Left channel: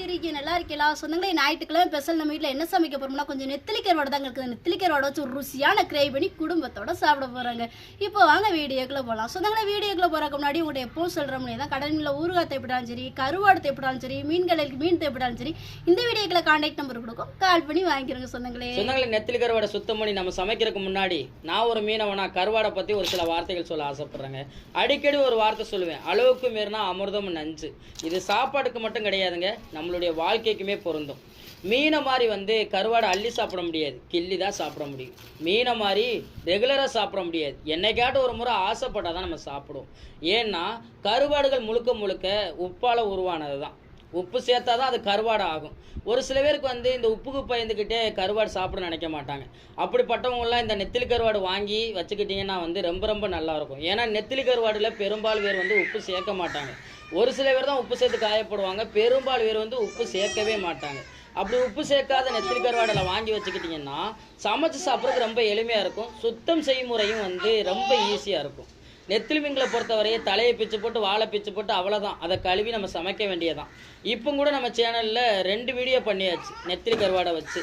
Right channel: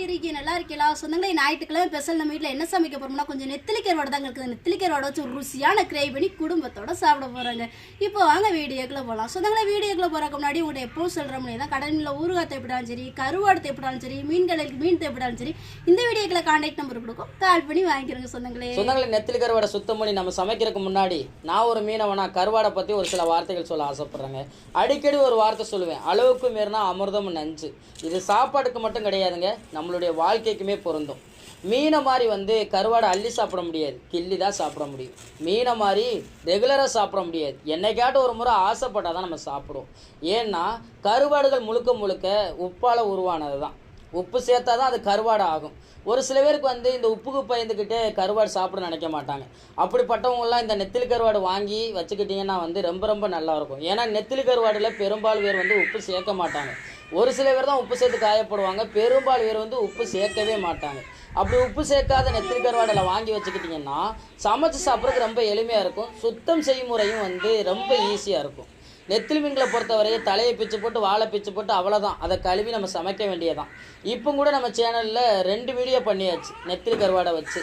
எப்படி இருக்கீங்க நல்லா இருக்கீங்களா? சொந்தங்களே ஞாயிற்றுக்கிழமை ஸ்பெஷல் நம்ம வீட்டில் என்ன சமைக்க போறோம்னா கொஞ்சம் நெத்திலிக்கரோட தாங்க இருக்குது. நெத்திலிக்கரோட வச்சு ஒரு ருசியான கிரேவ் பண்ணி குடும்பத்தோட சாப்பிட போறாங்க. இப்போ வாங்க வீடியோக்குள்ள போகலாம் சொந்தங்களை வீடியோக்குள்ள போறதுக்கு முன்னாடி உங்கள்கிட்ட எப்போ சொல்கிற முடியாது தான் கடலில் ஊறுகாய் தேப்பிட்டாலும் சரி கருவாடு தேப்பிட்டாலும் சரி மீன்களுக்கு மீன் தேப்பிட்டாலும் சரி இந்த வீடியோக்குள்ள கான்டாக்ட் நம்பர் கொடுக்கும். கால் பண்ணி வாங்கிக்கிறோங்க சொந்தங்களே சொந்தங்களே நெத்திலி கருவாடை சுத்தம் பண்ணி நம்ம சமைக்கிறதுக்கு முன்னாடி நான் ஒரு மீனவனா கருவாடை பற்றி ஒரு சில வார்த்தைகள் சொல்ல ஆசைப்படுறேங்க. அடிக்கடி ஒரு வார்த்தை சொல்லுவேன். அளவுக்கு மீறினா அமிர்தம் நஞ்சு. இது சாப்பாடுக்கு மட்டும் கிடையாதுங்க. நம்மளுடைய வாழ்க்கைக்குமே பொருந்தும். மீனை மாதிரி வந்து கருவாடை அள்ளி சாப்பிட முடியாது. கிள்ளி தான் சாப்பிட முடியும். மீனை மாதிரி ரெகுலராக சாப்பிட முடியாது. என்னைக்காட்டும் ஒரு முறை ஆசைப்பட்டால் தான் நம்ம சாப்பிடுவோம். ஏன்னா கருவாடுகள் முழுக்க முழுக்க உப்பால் உருவானது தான் உப்பு சேர்த்தா தான் அது கருவாடு ஆகும். ஒரு சில பேருக்கு வந்து இந்த உப்புக்கு பயந்துக்கிட்டே கருவாடு சாப்பிட நினைக்க மாட்டாங்க. அப்படிப்பட்டவங்கலாம் இந்த நெத்திலி கருவாடு வாங்கி வச்சுக்கிட்டிங்கன்னா வந்து ரொம்ப ரொம்ப நல்லா இருக்கும். ஏன்னா நெத்திலி கருவாடில் பெரும்பாலும் பேர் வந்து உப்பு சேர்க்க மாட்டாங்க. ஒரு சில பேர் தான் உப்பு சேர்த்து காயப்படுவாங்க. பெரும்பாலும் பேர் வந்து உப்பு சேர்க்கவே மாட்டாங்க. அப்படி உப்பு சேர்க்காத நெத்திலி கருவாடில் வாங்கி வச்சுக்கிட்டிங்கன்னா சமைச்சு சாப்பிட்றதுக்கு ரொம்ப எளிமையாக இருக்கும். சுத்தம் செய்யும் முறையும் வந்து ரொம்ப ஈஸியாக இருக்கும். நெத்திலி மீன்களை பொறுத்தவரையே தலையை பிச்சு போட்டு வாழை பிச்சு போட்டு அவ்வளோதான் அதை கழுவி நம்ம சமைக்க வேண்டியதான் இப்போ கூட நம்ம சேனலில் ரெண்டு வீடியோ பண்ணியாச்சு நெத்திலி கருவாடை வச்சு.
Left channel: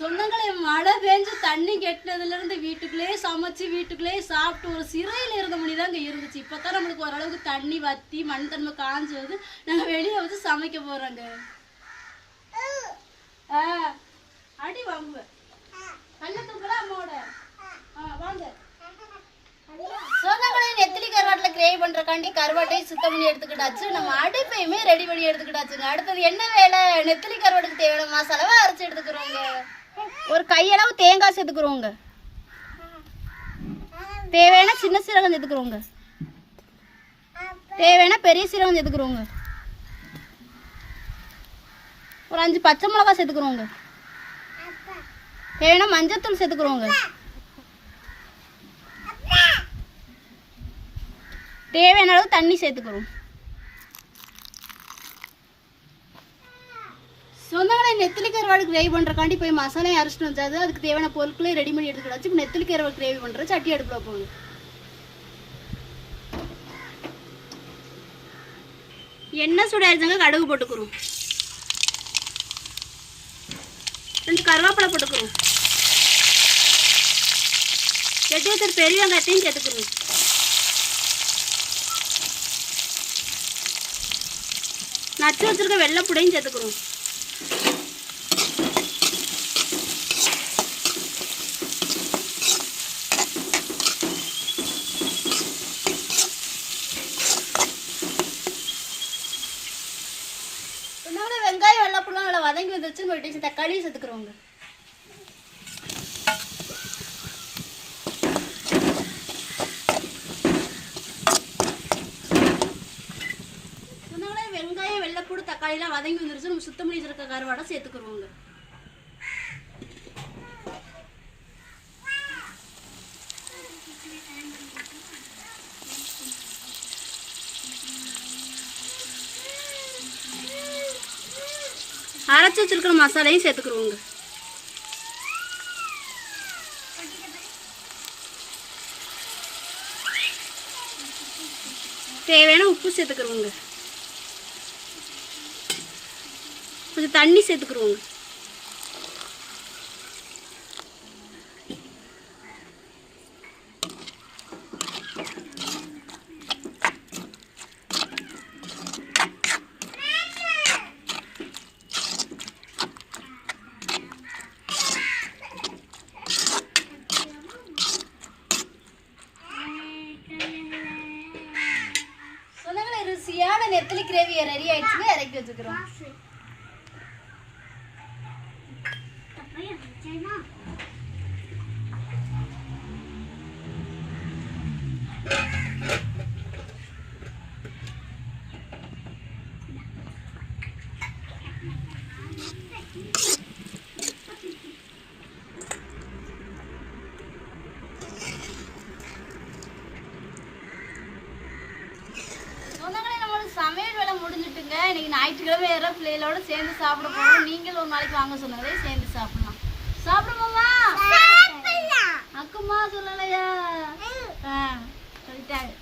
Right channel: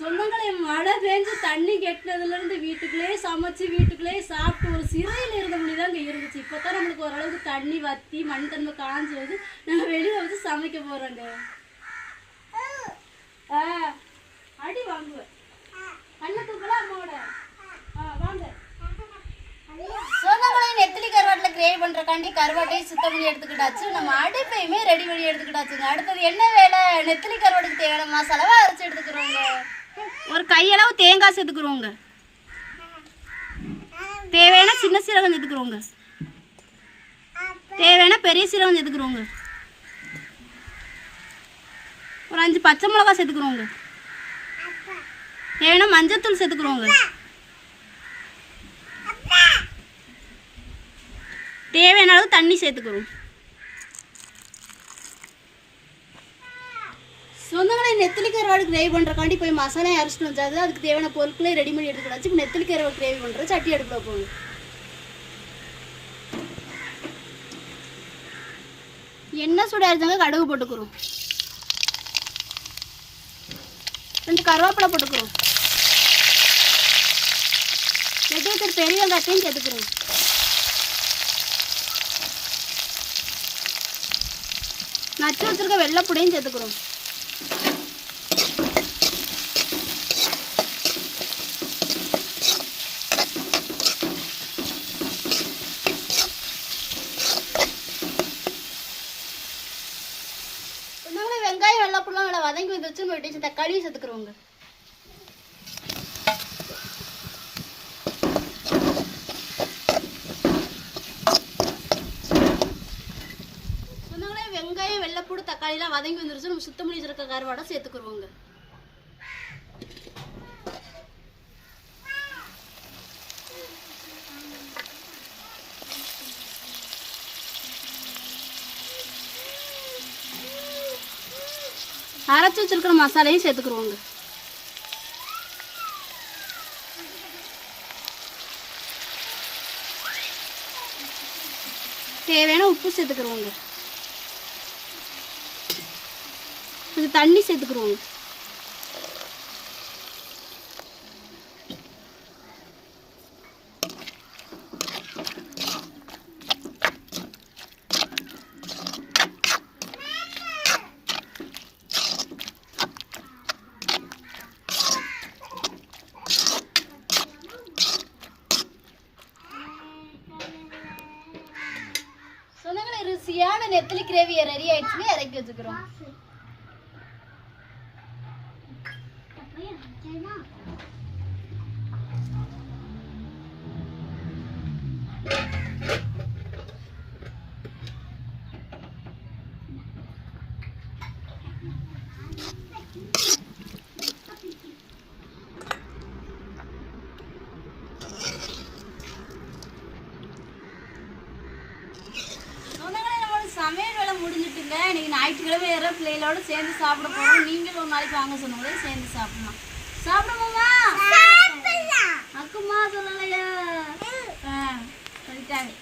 சொந்தங்களே மழை பெஞ்சு தண்ணி கெட்டினதுல இருந்து வீட்டுக்குள்ளேயே சமைச்சு வீட்டுக்குள்ளேயே சாப்பிட்டு ஒரு சிறையில் இருந்த முடிதாங்க இருந்துச்சு. இப்போ தான் நம்மளுக்கு ஓரளவுக்கு தண்ணி வத்தி மண் தன்மை காஞ்சு வந்து நாங்கள் வெளியே வந்து சமைக்க போகிறோங்க ஆ அடி வாங்குவேன். கண்ணை அம்மாவோட. ஆ வாங்க. சொந்தங்களே பண்ணுறக்காண்டி கருவாட்டையும் சுத்தம் பண்ணி எடுத்துக்கிட்டாச்சு. நம்ம அடுப்பையுமே ரெடி பண்ணி எடுத்துக்கிட்டாச்சுங்க. அடுத்தது என்ன வேலை? நெத்திலி கருவாடுக்கு தேவையான மசாலாவை அரைச்சி எடுத்துக்கிறோங்க. ஒரு கையளவு தேங்காய் சேர்த்துக்கிறோங்க. தேவையான சின்ன சீரகம் சேர்த்துக்கிறோங்க. தேவையான பெரிய சீரகம் சேர்த்துக்கிறோங்க. ஒரு அஞ்சு பச்சை மிளகா சேர்த்துக்கிறோங்க. தேவையான மஞ்சத்தூள் சேர்த்துக்கிறோங்க. தேவையான அளவு தண்ணி சேர்த்துக்கிறோம் சொந்தங்களை நெத்திலி கருவாடு கிரேவி பண்ணுறக்காண்டி போய் மசாலா அரைச்சிட்டு வந்தாது. அதுக்கு தேவையான பொருட்களை ரெடி பண்ணி எடுத்துக்கிடாச்சு இப்போ நெத்திலி கருவாடு கிரேவி பண்ணுற சட்டி எடுக்கல போகும் எண்ணெய் சூடாயிருந்தாங்க கடுகு போட்டுக்கிறோம். ரெண்டு கருவேப்பிலை போட்டுக்கிறோம். எட்டு பெரிய வெங்காயத்தையும் சேர்த்துக்கிறோம். நச்சு வச்சுருக்க வெள்ளைப்புடையும் சேர்த்துக்கிறோம் வெங்காயம் வெள்ளைப்புலாம் நல்லா வதங்கி வந்துச்சு வெட்டி தக்காளியும் சேர்த்துக்கிறோங்க சொன்னாங்களே வெங்காயம் வெள்ளைப்பூடு தக்காளிலாம் வதங்கி வந்துருச்சு. நம்ம சுத்தம் பண்ணி வச்சிருக்க கருவாடை சேர்த்துக்குருவோங்க. அரைச்சி வச்சிருக்கிற மசாலையும் சேர்த்துக்குருவோங்க. தேவையான உப்பு சேர்த்துக்குருவோங்க. அதுக்கு தண்ணி சேர்த்துக்குருவோங்க ருசியான நெத்திலி கிரேவி ரெடி ஆயிடுச்சுங்க இறக்கி வச்சுக்கிறோம். உறவேற பிள்ளைகளோட சேர்ந்து சாப்பிட போறோம். நீங்களும் ஒரு நாளைக்கு வாங்க சொன்னவங்களே சேர்ந்து சாப்பிடலாம். சாப்பிடுமாமா அக்குமா சொல்லலையா? சொல்லிட்டாங்க.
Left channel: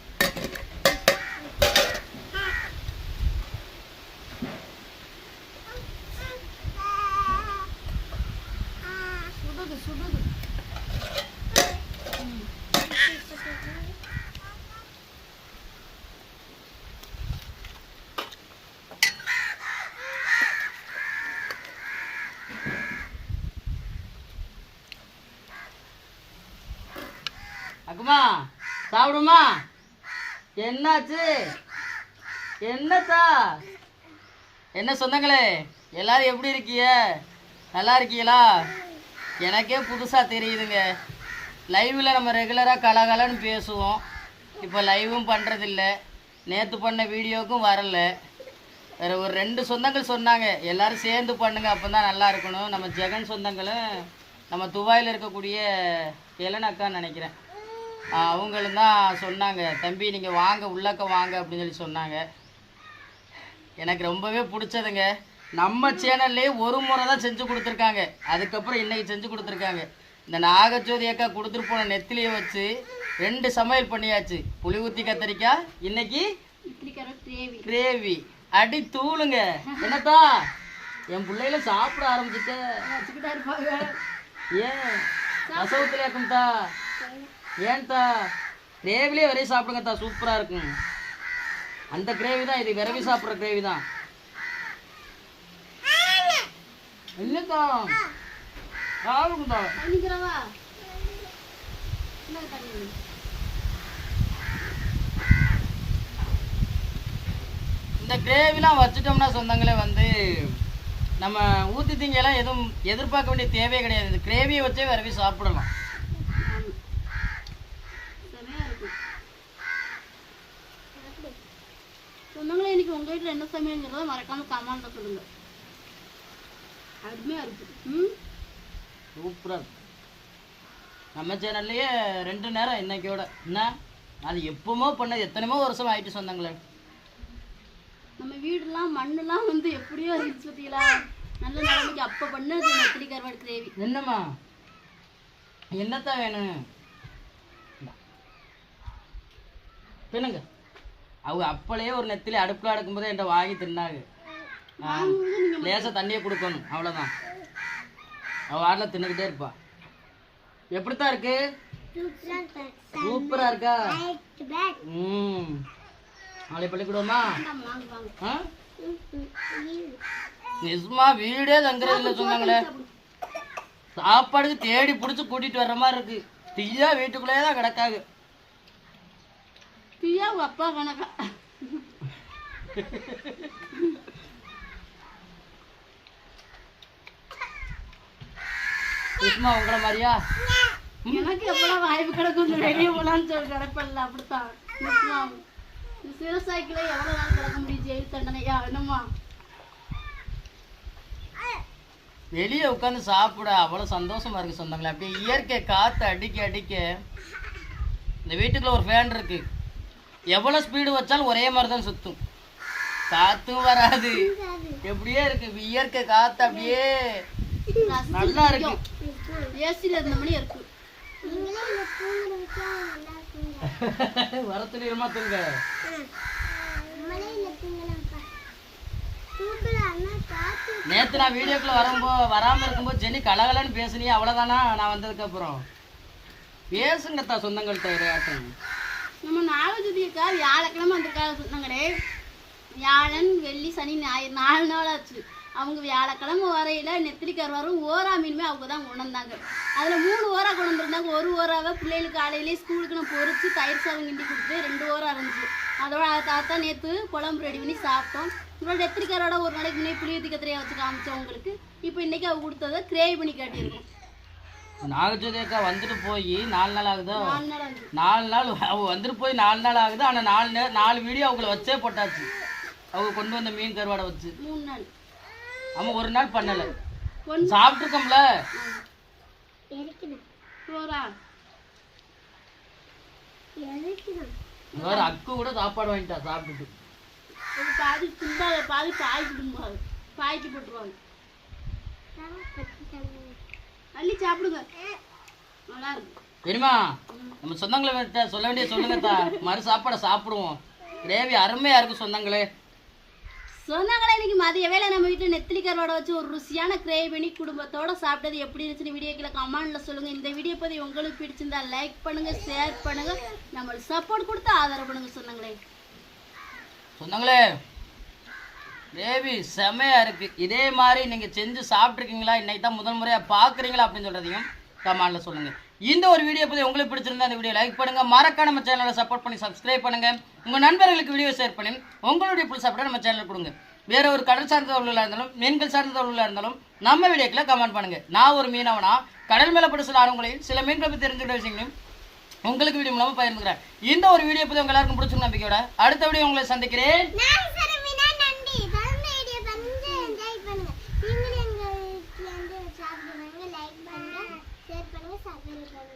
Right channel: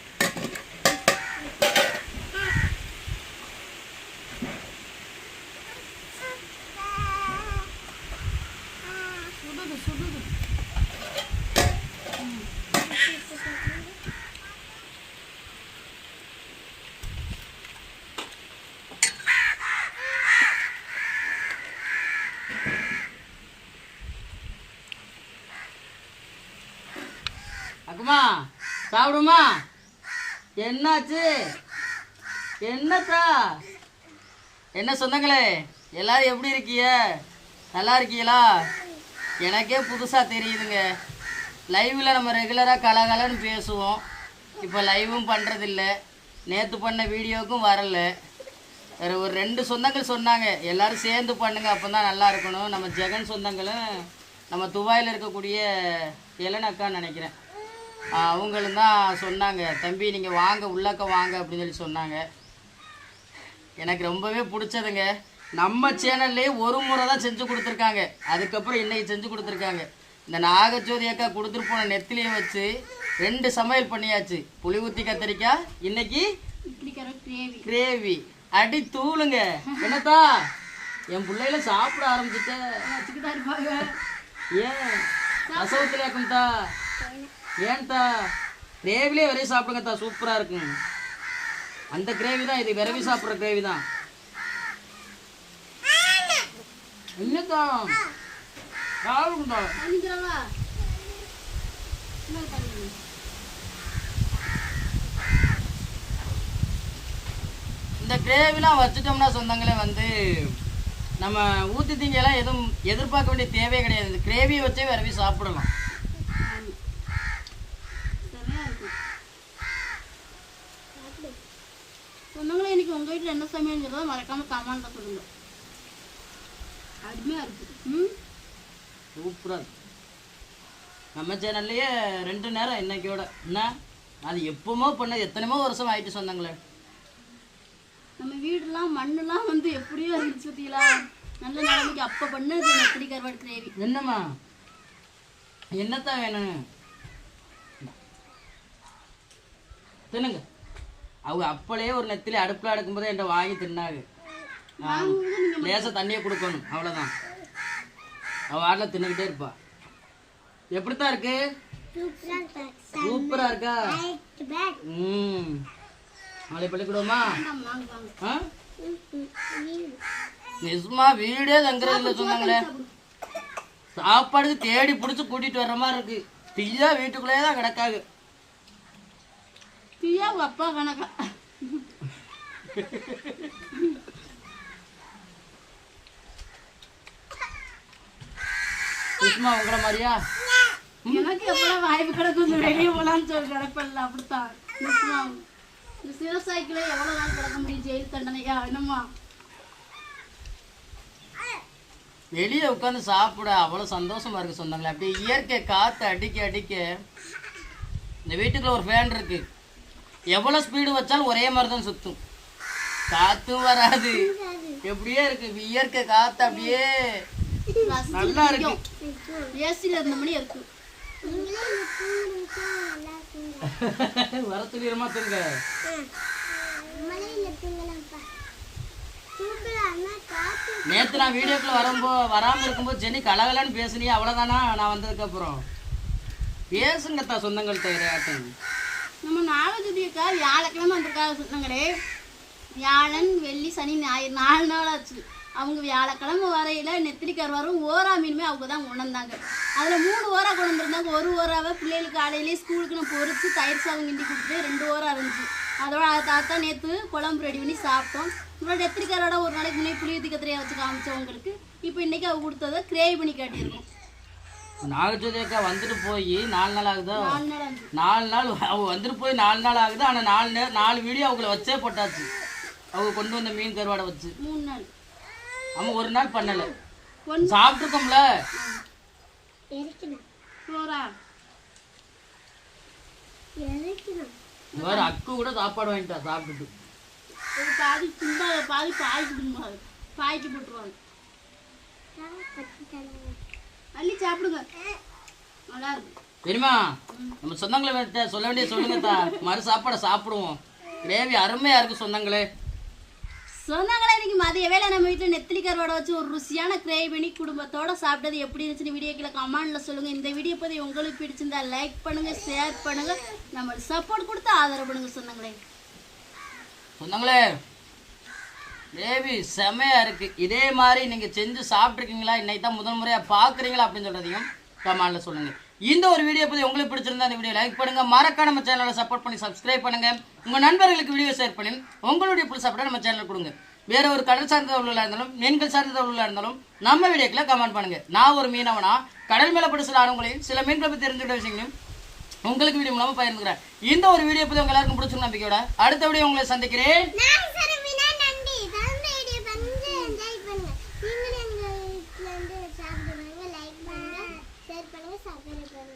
சுடுது சுடுது. ம். அக்குமா சாப்பிடுமா? என்னாச்சு? என்னத்தா? என்ன சொந்தங்களே எல்லாரும் எப்படி இருக்கீங்க நல்லா இருக்கீங்களா? எனக்கே புதுசாக தெரியுதுங்க. லைவில் நம்ம ரெகுலராக கலகலன்னு பேசுவோம். இப்போ லைவும் பண்ணுறதில்ல நேற்று பண்ண வீடியோவுக்கும் வரல. வேறு ஒரு ரெண்டு சொந்தங்கள் சொன்னாங்க. எல்லோரும் சேர்ந்து பண்ணுங்கள் அப்போ தான் நல்லா இருக்கணும். நம்ம ஜெகன் சொந்தங்களும் நம்ம துபாயில் இருக்கக்கூடிய இளனக்கான்னு நினைக்கிறேன். அவங்களும் தான் சொன்னாங்க தம்பி நீங்கள் வாங்க உள்ளக்க வாங்க அப்படின்னு சொல்லி சொன்னாங்க. எனக்கு ரொம்பவே பிடிச்சதுங்க. நம்ம சேனல்லே ஒரு முறை தான் செஞ்சு கொடுத்துருக்காங்க. அதுக்கப்புறம் இன்னைக்கு செஞ்சு கொடுத்துருக்காங்க. இந்த நாகஜோதி அக்கா கொடுத்துட்டு போன நெத்திலியை வச்சு ரெண்டு சமையல் பண்ணியாச்சு. புளி ஊற்றி கத்திரிக்காய் இன்னைக்கு கிரேவி. அடி தூளுங்க. என்னத்தா? என் பிள்ளைகள சாப்பிட ஆரம்பிச்சுட்டேன் ஏன்? ரசவத்தில் இருக்கும்தா? ஏன்தா கிரேவிலே வரையும் சாப்பிடுங்கத்தா சூப்பராக இருக்கும். அந்த கிரேவி தான் இது விரவி சாப்பிட்ற கிரேவி தான். என்ன தண்ணி இந்த கிரேவிலாம் வச்சுட்டோம்னா சொந்தங்களே வந்து நம்ம ஊற்றி திங்கெல்லாம் எதுவும் எதிர்பார்க்க வேண்டிய தேவையே கிடையாது. இந்த கிரேவியை வச்சே விரவி சாப்பிடலாம் ஆமா. செமையா இருக்கு. சொந்தங்களே இன்னைக்கு உங்க வீட்டுல என்ன சமையல்ங்கிறத மறக்காம கமெண்ட்ல சொல்லுங்க. அருமையா இருக்கு. ம்? சூப்பராக நம்ம சேனல்லையே ரெண்டு நேரம் இன்னைக்கோட. என்ன? அது எப்பவுமோ பண்ணது எத்தனையோ வருஷம் ஆயிட்டு சொந்தங்களே நம்ம வீடுலாம் மண்ணெல்லாம் வந்து எப்படியோ இருந்துச்சு பார்த்தீங்களா? நல்ல நிலைமைக்கு அப்போ பண்ணது நெத்திலி கருவாடு கிரேவி என்னம்மா? என்னத்தான் வேணும். தின்னுங்க. அவங்க அப்பளே ஒரு நெத்திலே அடுப்பில் அடுக்கும்போது என்கிட்ட வாங்கி தின்னாங்க. லேசாக தண்ணியை கொடுக்கணும். அவ்வளோதான் அவள் வாட்டில் தின்னுக்கிட்டே இருப்பா. எப்படித்தான் இருக்கு? சூப்பரா இருக்கா? ம். நாளை பள்ளிக்கூடமா? ஆ? நிஜமா வீடே தங்குறது சொன்னாங்களே. சாப்பாடுக்கு தேடி பிடிச்சி கூட்டிட்டு வர்ற மாதிரி இருக்கு. தீயா வீட்டுக்குள்ளேயே தான் கிடக்காது தீயா அப்பா கணக்கா நிஜமா உங்களை மாதிரியா? எனக்கு எப்பெல்லாம் வாய்ப்பு கிடக்கும் வெளியே போலான்னு சொல்லி கிடப்பல அப்படித்தான். இந்த சிறு சைக்கிளே எவ்வளவு நாள் கிடக்க முடியும்? ஜெயில் தண்டனையா? என்னம்மா? வெளியே உட்காந்து சாப்பிட. அவ்வளோ சந்தோஷமா இருக்கு சொந்தங்களே. அப்படியே இயற்கை காற்று அடிக்க அடிக்க இந்த வீட்டுக்குள்ள ஒரு ஃபேன் இருக்கு. எவ்வளோ ஸ்பீடு வச்சாலும் ஒரே மாதிரி தான் சுத்தும். காத்தும் வராது. எப்படியே இருக்கு. இயற்கை காற்று அப்படியே நல்லா இருக்கு. ஏசியில் இருந்த மணி இருக்கு. வர துணியமா தூங்க. நேத்து நான் வீடியோக்குள்ள வரும்போ வராம இருக்கும்போது ஜெனி கலகலன்னு பேசுனியே அவ்வளவுதானா? நான் வந்ததுக்கு அப்புறம். பேசுங்கத்தா சொந்தங்கள்கிட்ட விளையாட்டும் நம்ம நாலஞ்சுதியக்கா வியாழக்கிழமை வந்திருக்காங்க சொன்னாங்களே. வியாழன் வெள்ளி சனி ஞாயிறு நாலு நாள் ஆச்சு அவங்க வியாழக்கிழமை வரையில நெத்திரிக்கார் வரும். ஓரா மீனுமே அவங்க தான் கொண்டாந்தாங்க அதில் மூணு ஓரா கொண்டு வந்திருந்தாங்க. ஒரு ஓராவை பிள்ளைகளுக்கு காலையிலேயே ஸ்கூலுக்கு நான் பொறிச்சு தயிர் சாதம் கிண்டி கொடுத்து ரெண்டு ஓரா இருந்துச்சு. அதோட அதை தாத்தா நேற்று குழம்பு ரெடி பண்ணி சாப்பிட்டோம். இன்னொரு நெத்திரிக்காரோட ஒரு நாளைக்கு முன்னே புளிய கத்திரையை வச்சு காமிச்சவங்களுக்கு இப்போ இன்றைக்கி அவங்க கொடுத்ததை கிரேவி பண்ணி காட்டியிருக்கோம். நாகஜோதி அக்கா வந்துட்டு போய் நாலு நாள் ஆகுதா? நாலு நாள் ஆச்சு நாலு நாள் அவ வந்துட்டு போய் நாலு நாள் ஆகுது. ஆனா நாலு நே- நாலு வீடியோ அவங்கள வச்சே போட்டாச்சு. அவங்க கொண்டு வந்த மீன் கருவாடை வச்சு. மூணு நாள். அவன் ஒரு நாள் பண்ணல. சோறா வேற அக்கு கூட சாப்பாடு வாங்கிட்டா சாப்பிட்டுட்டு. பாதி துண்டா பாதி பாய்ச்சி தும்பாது பாய்ச்சி போட்டுருவாங்க. அள்ளி சாப்பிடுங்க. நல்லா இருக்கும் தெரியுமா நம்ம சொந்தங்களை சொல்ல வேண்டிய சொல்லுங்கத்தா மறு சாப்பாடை சாப்பிடுவோம். கிரேவி அருமையா இருக்கு சொந்தங்களே. சொன்னாங்களே இன்னைக்கு மதிய வேளை நம்ம வீட்டில் நெத்திலி கருவாடை வச்சு ஒரு ருசியான கிரேவி பண்ணி குடும்பத்தோட சாப்பிட்டது எப்படி இருந்துச்சுன்னு வீடியோக்கில் கமெண்ட்ல சொல்லுங்க. இந்த வீடியோ பற்றி உங்களுக்கு பிடிச்சிருந்தா லைக் பண்ணுங்க ஷேர் பண்ணுங்க. நம்மளுக்கு சப்போர்ட் கொடுத்து ஆதரவு பண்ணுங்க சொன்னாங்களே சொந்தங்களே பேபி செமையாக இருக்குது இதே மாதிரி நீங்கள் செஞ்சு சாப்பிட்ருக்கீங்களா இன்றைக்கி தான் முதல் முறையாக பார்க்குறீங்களா அப்படின்னு சொல்றதையும் கமெண்ட்ல சொல்லுங்கள் இந்த ஒரு வீடியோ பற்றி உங்களுக்கு பிடிச்சிருந்தா இந்த வீடியோ லைக் பண்ணுங்கள் மறக்காம நம்ம சேனலை சப்போர்ட் பண்ணி சப்ஸ்கிரைப் பண்ணுங்க. உங்கள் நண்பர்களுக்கு வீடியோ ஷேர் பண்ணி உங்களுடைய புது சப்போர்ட்டை நம்ம சேனல் கொடுங்க. வேற ஒரு கடல் சார்ந்த தொழிலாக இருந்தாலும் மீன்கள் சார்ந்த தொழிலாக இருந்தாலும் நம்ம வீடியோக்குள்ள கமெண்ட் பண்ணுங்கள் நான் ஒரு மீனவனா கடல் மேலே பட்டு சில ஆர்வங்களையும் சில மீன்களை பற்றி தெரிஞ்சுக்கிட்ட விஷயங்களையும் உங்களுக்கு வீடியோ மூலமாக பகிர்ந்துக்கிறேன். இந்த ஒரு வீடியோ பற்றி உங்க எல்லாருக்கும் பிடிச்சிருந்த நம்பிக்கையோட அடுத்த வீடியோ உங்களை சந்திக்கிறேன் நான் சரமினா நன்றி தொடர்ந்து வீடியோ வந்து என்ஜாய் பண்ணுங்க நீங்களும் எங்களுக்கு வந்து சாப்பிடுவாங்க லைக் பண்ணுங்க ஷேர் பண்ணுங்க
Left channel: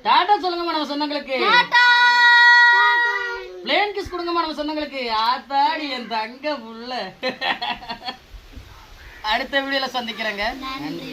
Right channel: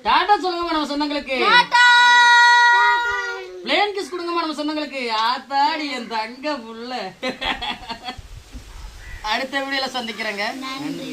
டாட்டா சொல்லுங்கம்மா நம்ம சொந்தங்களுக்கு டாடா. பிளேன் கிஸ் கொடுங்கம்மா நம்ம சொந்தங்களுக்கு ஆத்தாடி என் தங்க புள்ள. அடுத்த வீடியோல சந்திக்கிறேங்க. நன்றி.